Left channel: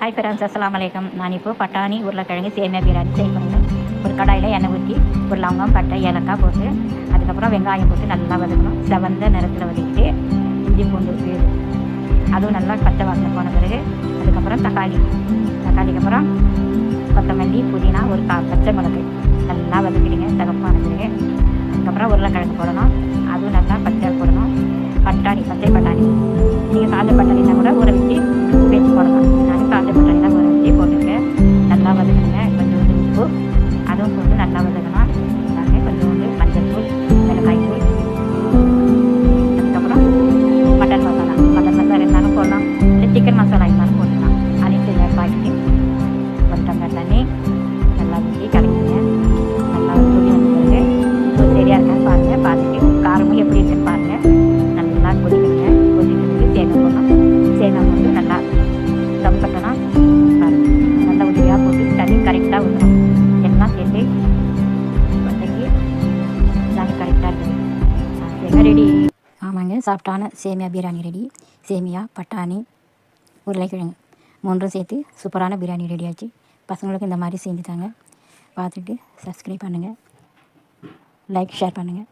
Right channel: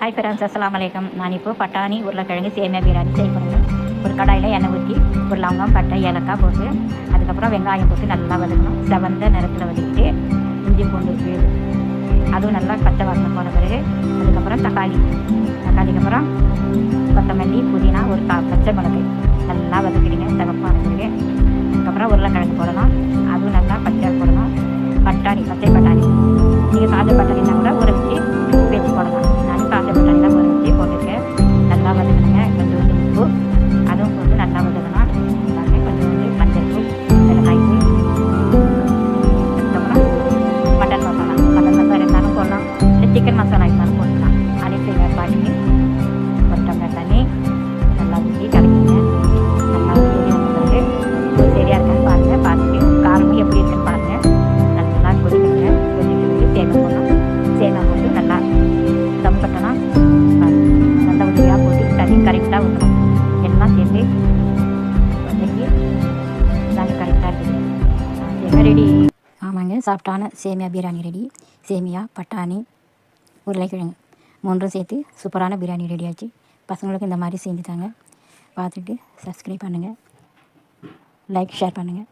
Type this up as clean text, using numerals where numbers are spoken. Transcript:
Hi friends, அஸ்ஸலாமு அலைக்கும். நான் இப்போ பட்டாணி உருளைக்கிழங்கு சேமியா பிரியாணி செய்ய போகிறேன். ஒரு கடாயில் எண்ணெய் ஊற்றி ஒரு லவங்கம், பட்டை, ஏலக்காய் போட்டு அதுக்கப்புறம் வெங்காயம் போட்டு நல்லா வதக்கணும். செவந்த நிறத்தில் வதக்கிட்டு இஞ்சி பூண்டு விழுது அதுவும் நல்லா பச்சை வாசனை போன பிறகு அதுக்கப்புறம் தக்காளிக்கு அப்புறம் கொத்தமல்லி, புதினா, ஒரு பச்சை மிளகாய் நல்லா வதக்கிடுங்க. சிவப்பான பிறகு அதுக்கப்புறம் உருளைக்கிழங்கு போடணும். அதுவும் நல்லா பச்சை போடணும். பச்சை பட்டாணி நீங்கள் காஞ்ச பட்டாணினா கூட ஊற வச்சு பேச்சு போடலாம். நான் காஞ்ச பட்டாணி தான் ஊற வச்சு போட்டுருக்கேன். நல்லா வதக்கணுங்க. கொஞ்சோண்டு உப்பு அதுவும் போட்டு நல்லா வதக்கணும். பாருங்கள், கொஞ்சோண்டு மஞ்சள் தூள், மிளகாய் தூள், அதுக்கப்புறம் மட்டன் மசாலா இருந்தாலும் போடலாம், இல்லை சிக்கன் மசாலா இருந்தாலும் போட்டுக்கலாம். அனைத்து பாக்கெட்டு ஒரு டம்ளர் தண்ணி நல்லா ஊற்றி கலக்கிங்க. நல்லா கொதி வந்த பிறகு சரியாக இருக்கான்னு பாருங்கள். பார்த்துட்டு காரமும் எப்படி இருக்குன்னு பாருங்கள். நல்லா கொதிக்கணுங்க. கொதிக்க பிறகு சேமியா போட்டு நல்லா தம் கட்டணும். நல்லா உதவியாக போட்டு தண்ணி கரெக்டாக ஊற்றணும். எல்லாம் சேர்த்து வதக்கி தண்ணி கரெக்டாக இருக்குது. சேமியா ரெடி. ஆமாங்க, சாஃப்டான சேமியா பிரியாணி ரெடி. சேமியா, பட்டாணி, உருளைக்கிழங்கு மூன்றும் சேர்த்து சூப்பரான பிரியாணி ரெடி ஆச்சு. பசங்களுக்கு இந்த மாதிரி செஞ்சுட்டாங்க. பார்த்துட்டு சப்ஸ்கிரைப் பண்ணுங்கள், லைக், ஷேர் பண்ணுங்கள்.